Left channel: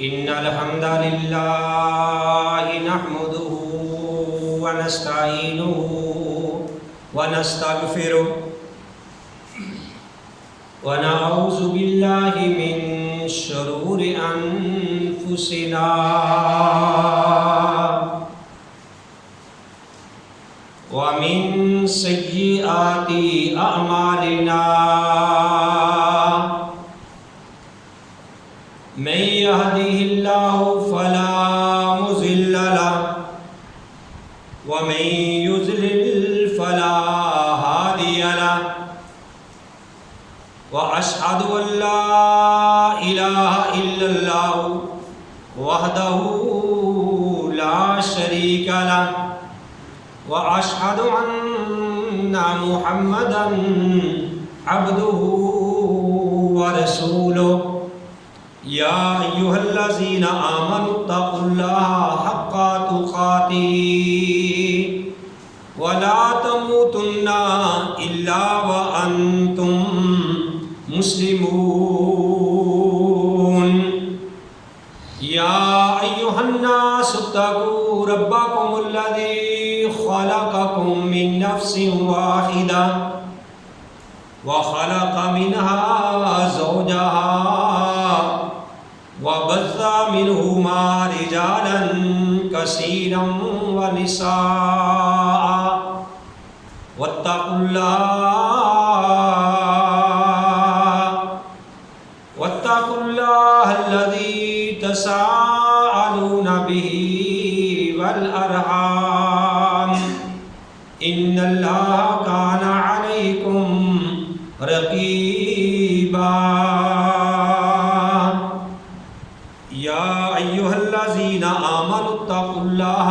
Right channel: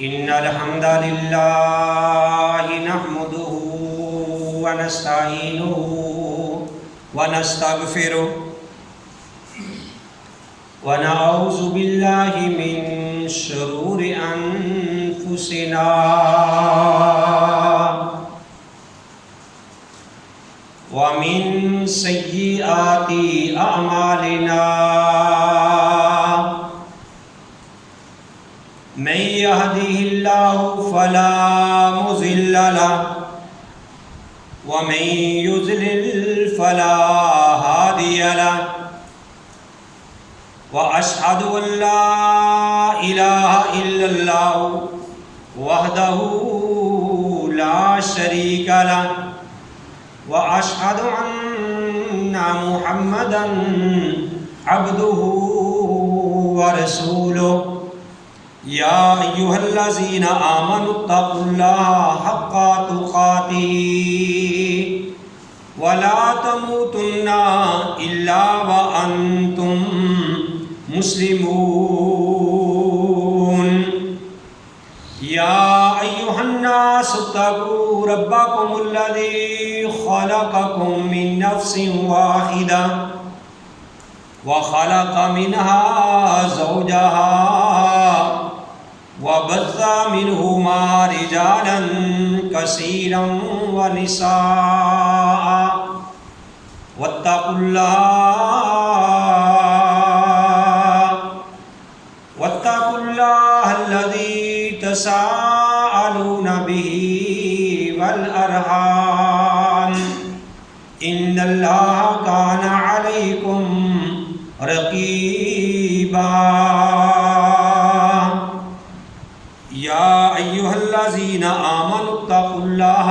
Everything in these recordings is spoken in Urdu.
إن الحمد لله نحمده ونستعينه ونستغفره ونعوذ بالله من شرور أنفسنا ومن سيئات أعمالنا من يهده الله فلا مضل له ومن يضلل فلا هادي له وأشهد أن لا إله إلا الله وحده لا شريك له وأشهد أن محمدا عبده ورسوله يا أيها الذين آمنوا اتقوا الله حق تقاته ولا تموتن إلا وأنتم مسلمون يا أيها الناس اتقوا ربكم الذي خلقكم من نفس واحدة وخلق منها زوجها وبث منهما رجالا كثيرا ونساء واتقوا الله الذي تساءلون به والأرحام إن الله كان عليكم رقيبا يا أيها الذين آمنوا اتقوا الله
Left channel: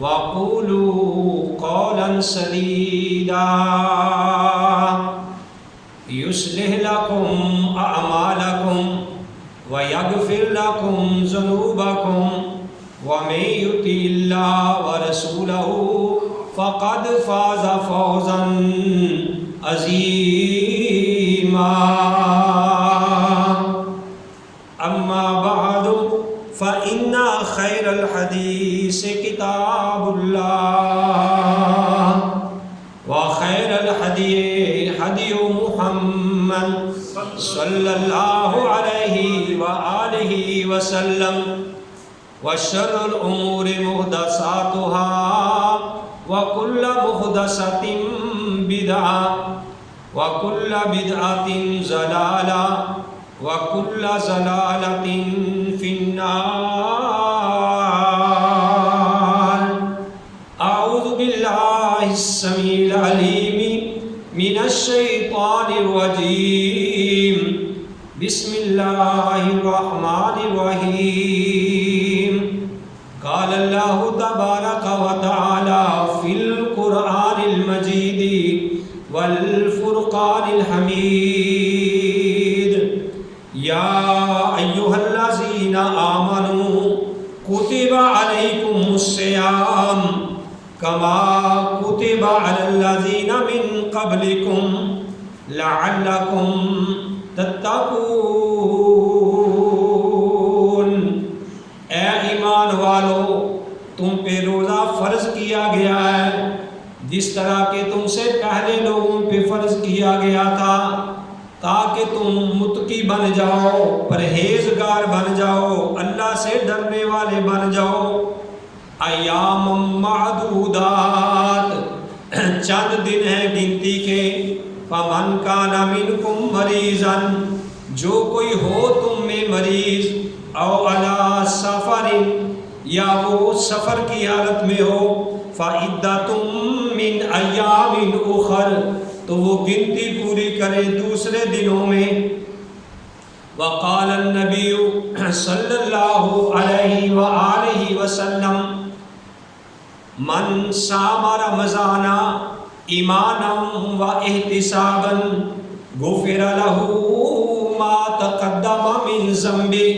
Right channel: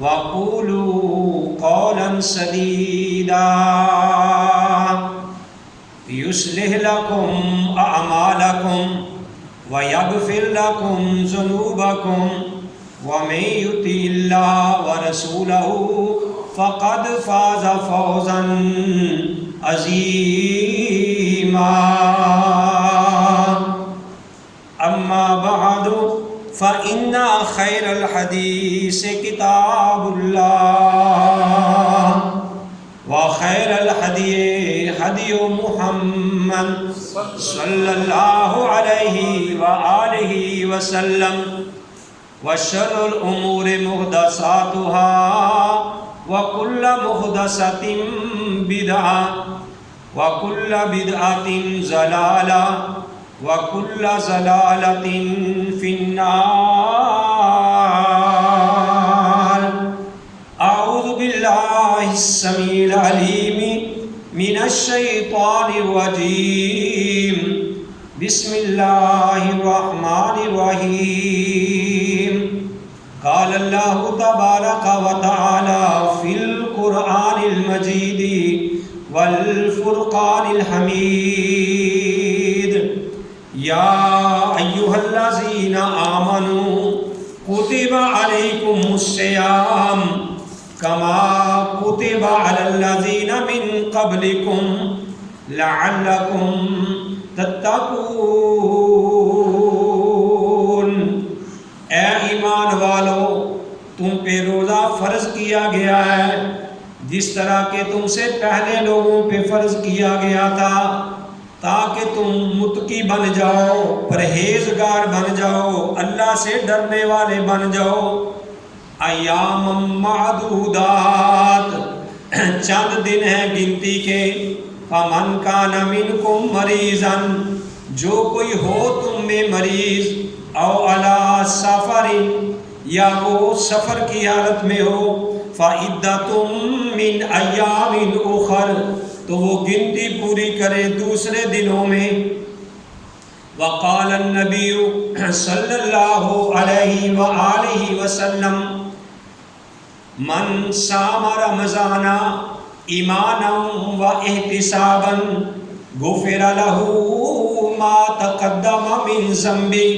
وقولوا قولا سديدا يصلح لكم أعمالكم ويغفر لكم ذنوبكم ومن يطع الله ورسوله فقد فاز فوزا عظيما أما بعد فإن خير الحديث كتاب الله وخير الهدي هدي محمد صلى الله عليه وآله وسلم وشر الأمور محدثاتها وكل محدثة بدعة وكل بدعة ضلالة وكل ضلالة في النار. أعوذ بالله السميع العليم من الشيطان الرجيم. بسم الله الرحمن الرحيم. قال الله تبارك وتعالى في القرآن المجيد والفرقان الحميد: يا أيها الذين آمنوا كتب عليكم الصيام كما كتب على الذين من قبلكم لعلكم تتقون. اے ایمان والو، تم پہ روزہ فرض کیا گیا ہے جس طرح کہ تم سے پہلے لوگوں پہ فرض کیا گیا تھا، تاکہ تم متقی بن جاؤ، پرہیزگار بن جاؤ، اللہ سے ڈرنے والے بن جاؤ. ایام معدودات، چند دن ہیں گنتی کے. فمن کان منکم مریضا، جو کوئی ہو تم میں مریض، او علی سفر، یا وہ سفر کی حالت میں ہو، فعدۃ من ایام اخر، تو وہ گنتی پوری کرے دوسرے دنوں میں. وقال النبی صلی اللہ علیہ وآلہ وسلم: من صام رمضان ایمانا و احتسابا غفر له ما تقدم من ذنبه.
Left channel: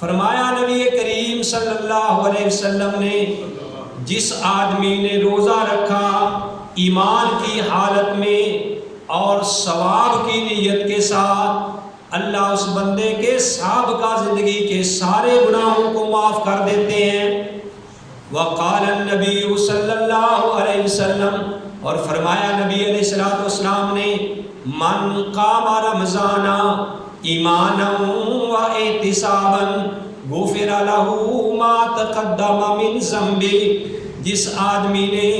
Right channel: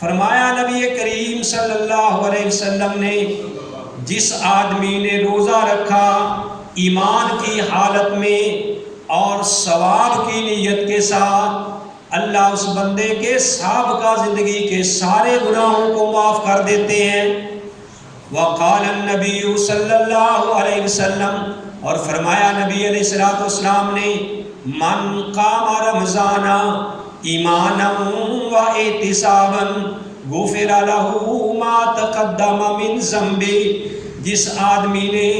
فرمایا نبی کریم صلی اللہ علیہ وسلم نے، جس آدمی نے روزہ رکھا ایمان کی حالت میں اور ثواب کی نیت کے ساتھ، اللہ اس بندے کے سابقہ زندگی کے سارے گناہوں کو معاف کر دیتے ہیں۔ وقال النبی صلی اللہ علیہ وسلم، اور فرمایا نبی علیہ السلام نے، من قام رمضان ایمانا و احتسابا غفر له ما تقدم من ذنبه، جس آدمی نے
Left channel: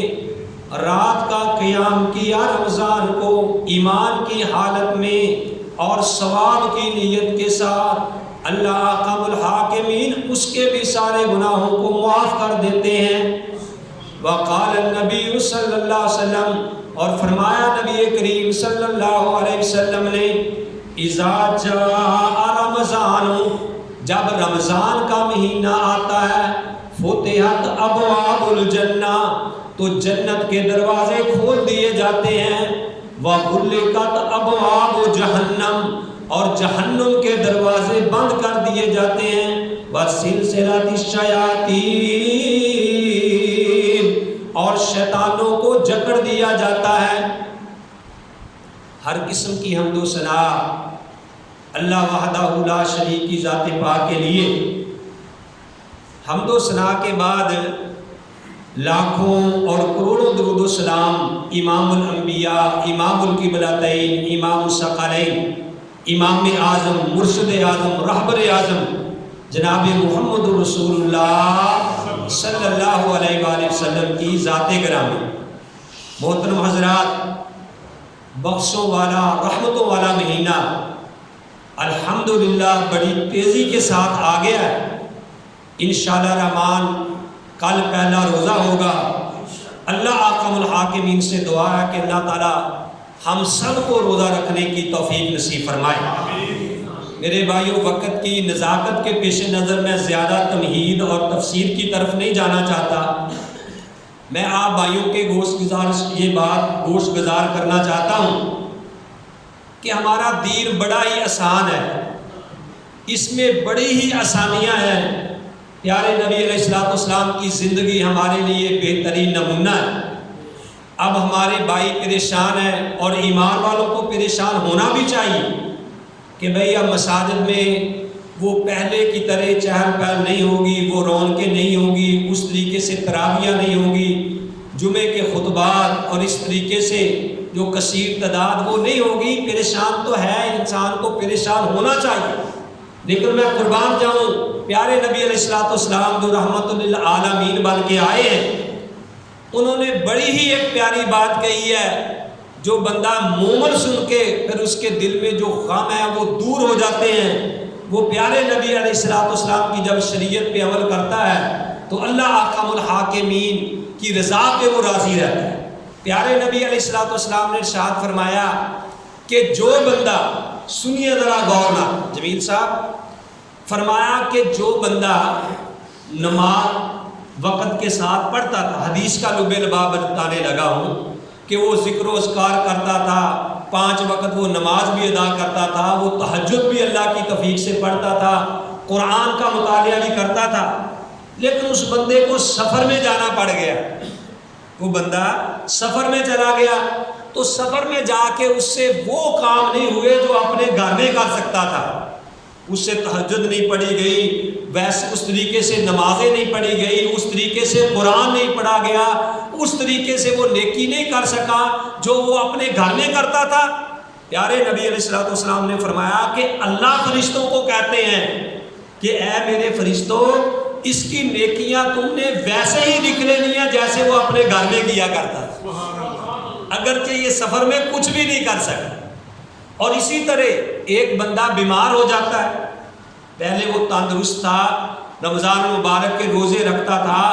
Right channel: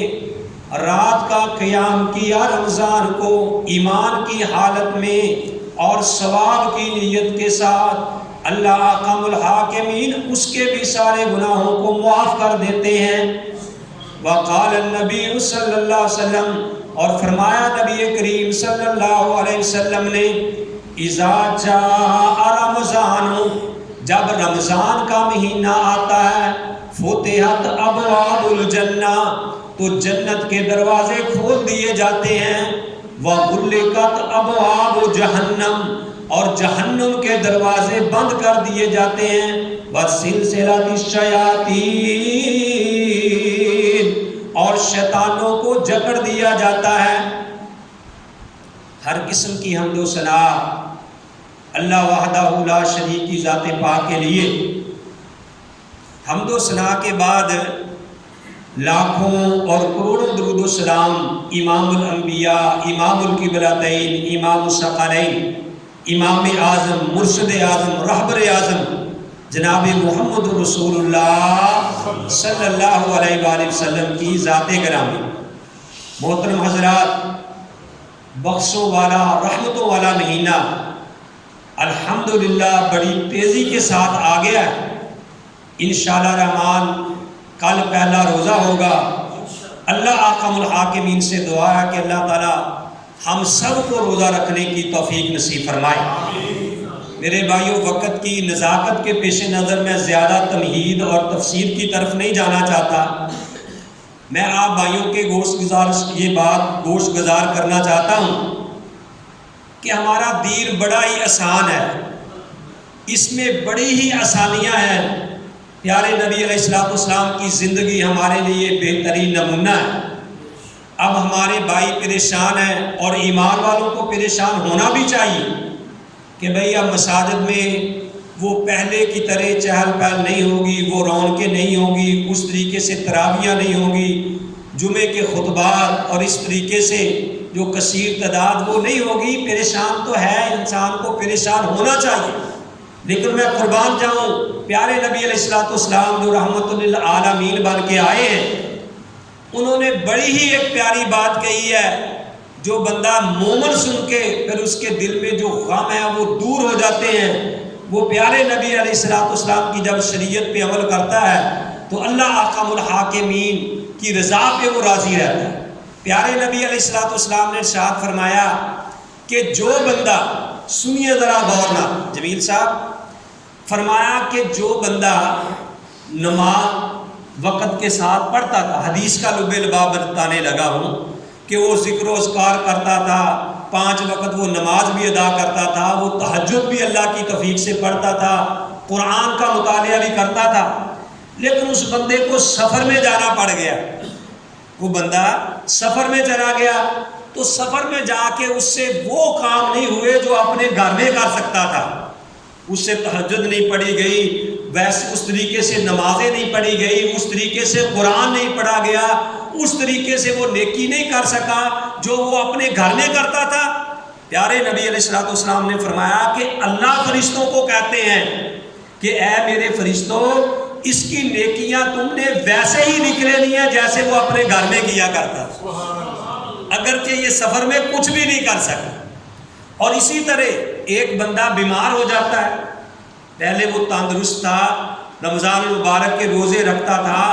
رات کا قیام کیا رمضان کو ایمان کی حالت میں اور ثواب کی نیت کے ساتھ، اللہ احکم الحاکمین اس کے بھی سارے گناہوں کو معاف کر دیتے ہیں۔ وقال النبی صلی اللہ علیہ وسلم، اور فرمایا نبی کریم صلی اللہ علیہ وسلم نے، اذا جاء رمضان، جب رمضان کا مہینہ آتا ہے، فتحت ابواب الجنہ، تو جنت کے دروازے کھول دیے جاتے ہیں، وغلقت ابواب جہنم، اور جہنم کے دروازے بند کر دیے جاتے ہیں، وسلسلۃ الشیاطین، اور شیطانوں کو جکڑ دیا جاتا ہے۔ ہر قسم کی حمد و ثنا اللہ وحدہ لا شریک کی ذات پاک کے لیے۔ حمد و ثنا کے بعد لاکھوں اور کروڑوں درود و سلام امام الانبیاء، امام القبلتین، امام الثقلین، امام اعظم، مرشد اعظم، رہبر اعظم جناب محمد رسول اللہ صلی اللہ علیہ وآلہ وسلم کی ذات گرامی۔ محترم حضرات، بخشوں والا، رحمتوں والا مہینہ الحمدللہ بڑی تیزی کے ساتھ آ گیا ہے۔ انشاءاللہ الرحمن کل پہلا روزہ ہوگا۔ اللہ احکم الحاکمین سے دعا ہے کہ اللہ تعالیٰ ہم سب کو روزہ رکھنے کی توفیق نصیب فرمائے۔ میرے بھائیوں، وقت کی نزاکت کے پیش نظر میں زیادہ تمہید اور تفسیر کی طرف نہیں جانا چاہتا۔ میں آپ بھائیوں کے یہ بات گوشت گزار کرنا چاہتا ہوں کہ ہمارا دین بڑا ہی آسان ہے، اس میں بڑی ہی آسانیاں ہیں۔ پیارے نبی علیہ السلام کی زندگی ہمارے لیے بہترین نمونہ ہے۔ اب ہمارے بھائی پریشان ہیں، اور ایمان والوں کو پریشان ہونا بھی چاہیے کہ بھئی اب مساجد میں وہ پہلے کی طرح چہل پہل نہیں ہوگی، وہ رونقیں نہیں ہوگی، اس طریقے سے تراویحیں نہیں ہوگی، جمعے کے خطبات اور اس طریقے سے جو کثیر تعداد وہ نہیں ہوگی۔ پریشان تو ہے، انسان کو پریشان ہونا چاہیے، لیکن میں قربان جاؤں، پیارے نبی علیہ السلام جو رحمت للعالمین بن کے آئے ہیں، انہوں نے بڑی ہی ایک پیاری بات کہی ہے، جو بندہ مومن سن کے پھر اس کے دل میں جو غم ہے وہ دور ہو جاتے ہیں۔ وہ پیارے نبی علیہ السلام کی جب شریعت پہ عمل کرتا ہے تو اللہ احکم الحاکمین کی رضا پہ وہ راضی رہتا ہے۔ پیارے نبی علیہ السلام نے ارشاد فرمایا کہ جو بندہ، سنیے ذرا غور نہ جمیل صاحب، فرمایا کہ جو بندہ نماز وقت کے ساتھ پڑھتا تھا، حدیث کا لب لباب بتانے لگا ہوں کہ وہ ذکر و اذکار کرتا تھا، 5 وقت وہ نماز بھی ادا کرتا تھا، وہ تہجد بھی اللہ کی توفیق سے پڑھتا تھا، قرآن کا مطالعہ بھی کرتا تھا، لیکن اس بندے کو سفر میں جانا پڑ گیا۔ وہ بندہ سفر میں چلا گیا تو سفر میں جا کے اس سے وہ کام نہیں ہوئے جو اپنے گھر میں کر سکتا تھا۔ اس سے تہجد نہیں پڑھی گئی، ویسے اس طریقے سے نمازیں نہیں پڑھی گئی، اس طریقے سے قرآن نہیں پڑھا گیا، اس طریقے سے وہ نیکی نہیں کر سکا جو وہ اپنے گھر میں کرتا تھا۔ پیارے نبی علیہ السلام نے فرمایا کہ اللہ فرشتوں کو کہتے ہیں کہ اے میرے فرشتوں، اس کی نیکیاں تم نے ویسے ہی لکھ لینی ہے جیسے وہ اپنے گھر میں کیا کرتا تھا، اگرچہ یہ سفر میں کچھ بھی نہیں کر سکا۔ اور اسی طرح ایک بندہ بیمار ہو جاتا ہے، پہلے وہ تندرست تھا، رمضان المبارک کے روزے رکھتا تھا،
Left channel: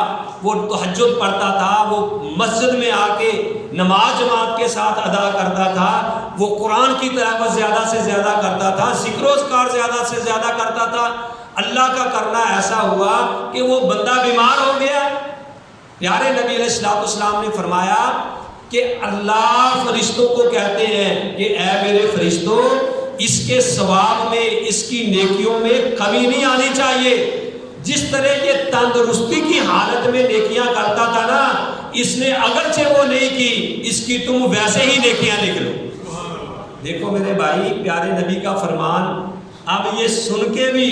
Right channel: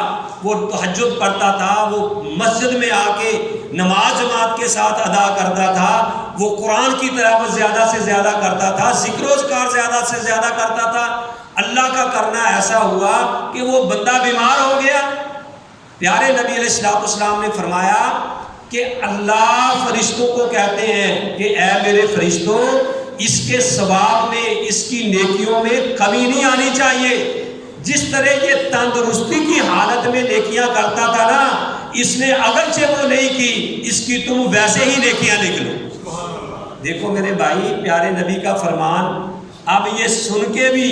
وہ تہجد پڑھتا تھا، وہ مسجد میں آ کے نماز جماعت کے ساتھ ادا کرتا تھا، وہ قرآن کی تلاوت زیادہ سے زیادہ کرتا تھا، ذکر و اذکار زیادہ سے زیادہ کرتا تھا۔ اللہ کا کرنا ایسا ہوا کہ وہ بندہ بیمار ہو گیا۔ پیارے نبی علیہ السلام نے فرمایا کہ اللہ فرشتوں کو کہتے ہیں کہ اے میرے فرشتوں، اس کے ثواب میں، اس کی نیکیوں میں کمی نہیں آنی چاہیے۔ جس طرح یہ تندرستی کی حالت میں نیکیاں کرتا تھا نا، اس نے اگرچہ وہ نہیں کی، اس کی تم ویسے ہی نیکیاں لکھ لو۔ دیکھو میرے بھائی، پیارے نبی کا فرمان اب یہ سن کے بھی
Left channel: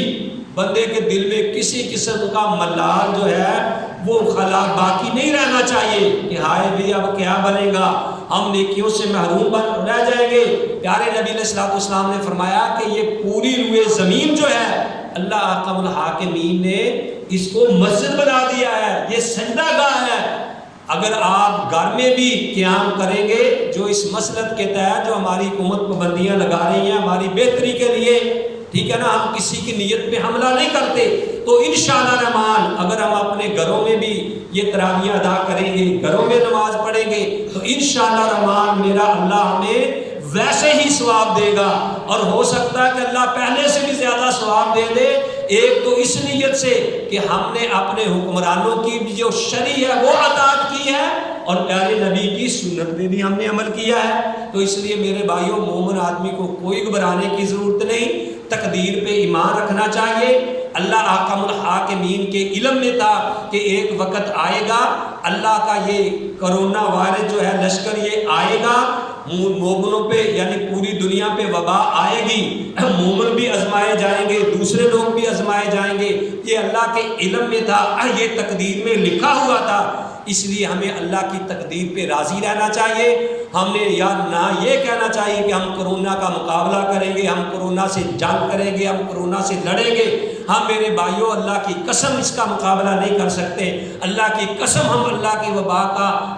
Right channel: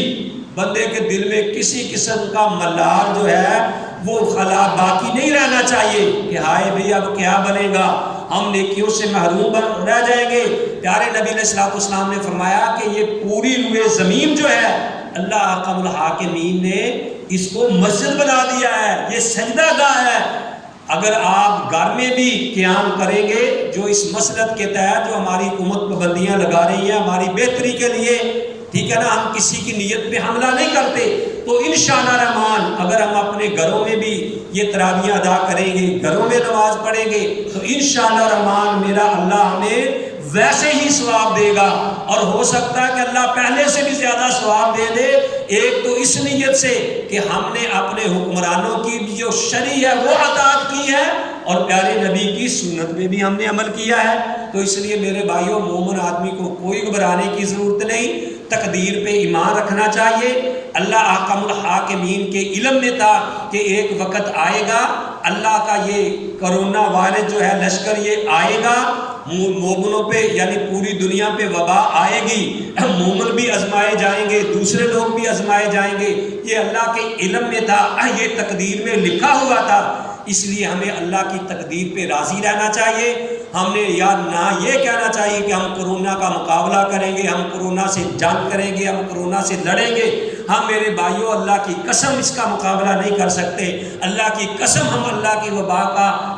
بندے کے دل میں کسی قسم کا ملال جو ہے وہ خلا باقی نہیں رہنا چاہیے کہ ہائے بھی اب کیا بنے گا، ہم نیکیوں سے محروم رہ جائیں گے۔ پیارے نبی علیہ الصلوۃ والسلام نے فرمایا کہ یہ پوری روئے زمین جو ہے اللہ احکم الحاکمین نے اس کو مسجد بنا دیا ہے، یہ سجدہ گاہ ہے۔ اگر آپ گھر میں بھی قیام کریں گے جو اس مسلط کے تحت جو ہماری حکومت پابندیاں لگا رہی ہیں ہماری بہتری کے لیے، ٹھیک ہے نا، ہم کسی کی نیت پہ حملہ نہیں کرتے، تو انشاءاللہ رحمان اگر ہم اپنے گھروں میں بھی یہ تراویح ادا کریں گے، گھروں میں نماز پڑھیں گے، تو انشاءاللہ رحمان میرا اللہ ہمیں ویسے ہی ثواب دے گا، اور ہو سکتا ہے کہ اللہ پہلے سے بھی زیادہ ثواب دے دے۔ ایک تو اس نیت سے کہ ہم نے اپنے حکمرانوں کی جو شرع ہے وہ اطاعت کی ہے، اور پیارے نبی کی سنت میں بھی ہم نے عمل کیا ہے۔ تو اس لیے میرے بھائیوں، مومن آدمی کو کوئی گھبرانے کی ضرورت نہیں، تقدیر پہ ایمان رکھنا چاہیے۔ اللہ احکم الحاکمین کے علم میں تھا کہ ایک وقت آئے گا، اللہ کا یہ کرونا وائرس جو ہے لشکر یہ آئے گا، مومنوں پہ یعنی پوری دنیا پہ وبا آئے گی، مومن بھی آزمائے جائیں گے، دوسرے لوگ بھی آزمائے جائیں گے، یہ اللہ کے علم میں تھا، یہ تقدیر میں لکھا ہوا تھا۔ اس لیے ہمیں اللہ کی تقدیر پہ راضی رہنا چاہیے، ہمیں یا نہ یہ کہنا چاہیے کہ ہم کرونا کا مقابلہ کریں گے، ہم کرونا سے جنگ کریں گے، ہم کرونا سے لڑیں گے۔ ہم میرے بھائیوں اللہ کی قسم اس کا مقابلہ نہیں کر سکتے، اللہ کی قسم ہم اللہ کی وبا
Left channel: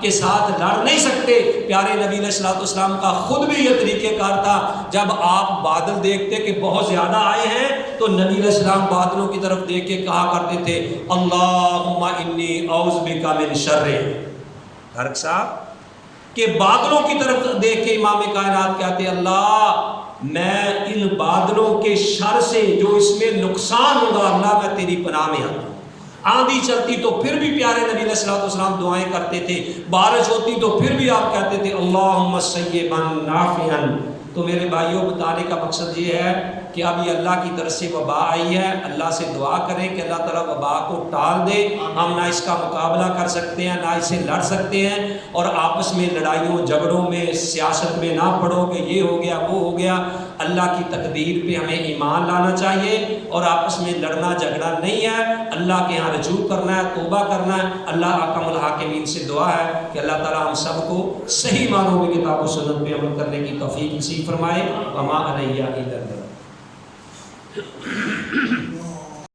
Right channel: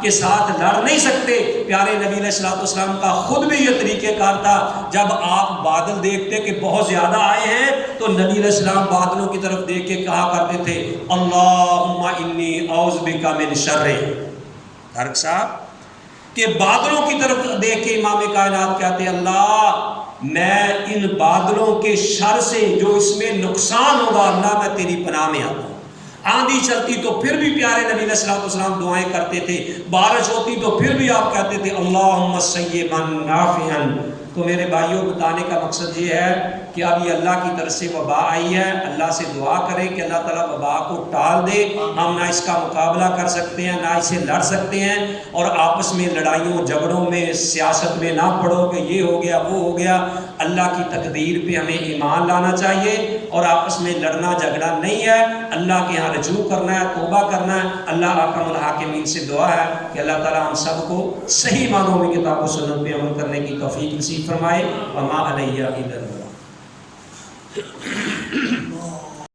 کے ساتھ لڑ نہیں سکتے۔ پیارے نبی علیہ الصلوۃ والسلام کا خود بھی یہ طریقہ کار تھا، جب آپ بادل دیکھتے کہ بہت زیادہ آئے ہیں تو نبی علیہ السلام بادلوں کی طرف دیکھ کے کہا کرتے تھے اللہم انی اعوذ بک من شر، طارق صاحب کہ بادلوں کی طرف دیکھ کے امام کائنات کہتے اللہ میں ان بادلوں کے شر سے جو اس میں نقصان ہوگا اللہ میں تیری پناہ میں آتا ہوں۔ آندھی چلتی تو پھر بھی پیارے نبی علیہ الصلوۃ والسلام دعائیں کرتے تھے، بارش ہوتی تو پھر بھی آپ کہتے تھے اللہم سیبا نافعا۔ تو میرے بھائیوں بتانے کا مقصد یہ ہے کہ اب یہ اللہ کی طرف سے وبا آئی ہے، اللہ سے دعا کریں کہ اللہ تعالیٰ وبا کو ٹال دے۔ ہم نہ اس کا مقابلہ کر سکتے ہیں، نہ اسے لڑ سکتے ہیں، اور آپس میں لڑائیوں جھگڑوں میں سیاست میں نہ پڑو کہ یہ ہو گیا وہ ہو گیا۔ اللہ کی تقدیر پہ ہمیں ایمان لانا چاہیے، اور آپس میں لڑنا جھگڑا نہیں ہے، اللہ کے یہاں رجوع کرنا ہے، توبہ کرنا ہے۔ اللہ احکم الحاکمین سے دعا ہے کہ اللہ تعالیٰ ہم سب کو صحیح معنوں میں کتاب و سنت پہ عمل کرنے کی توفیق نصیب فرمائے۔ وما علیہ الا البلاغ۔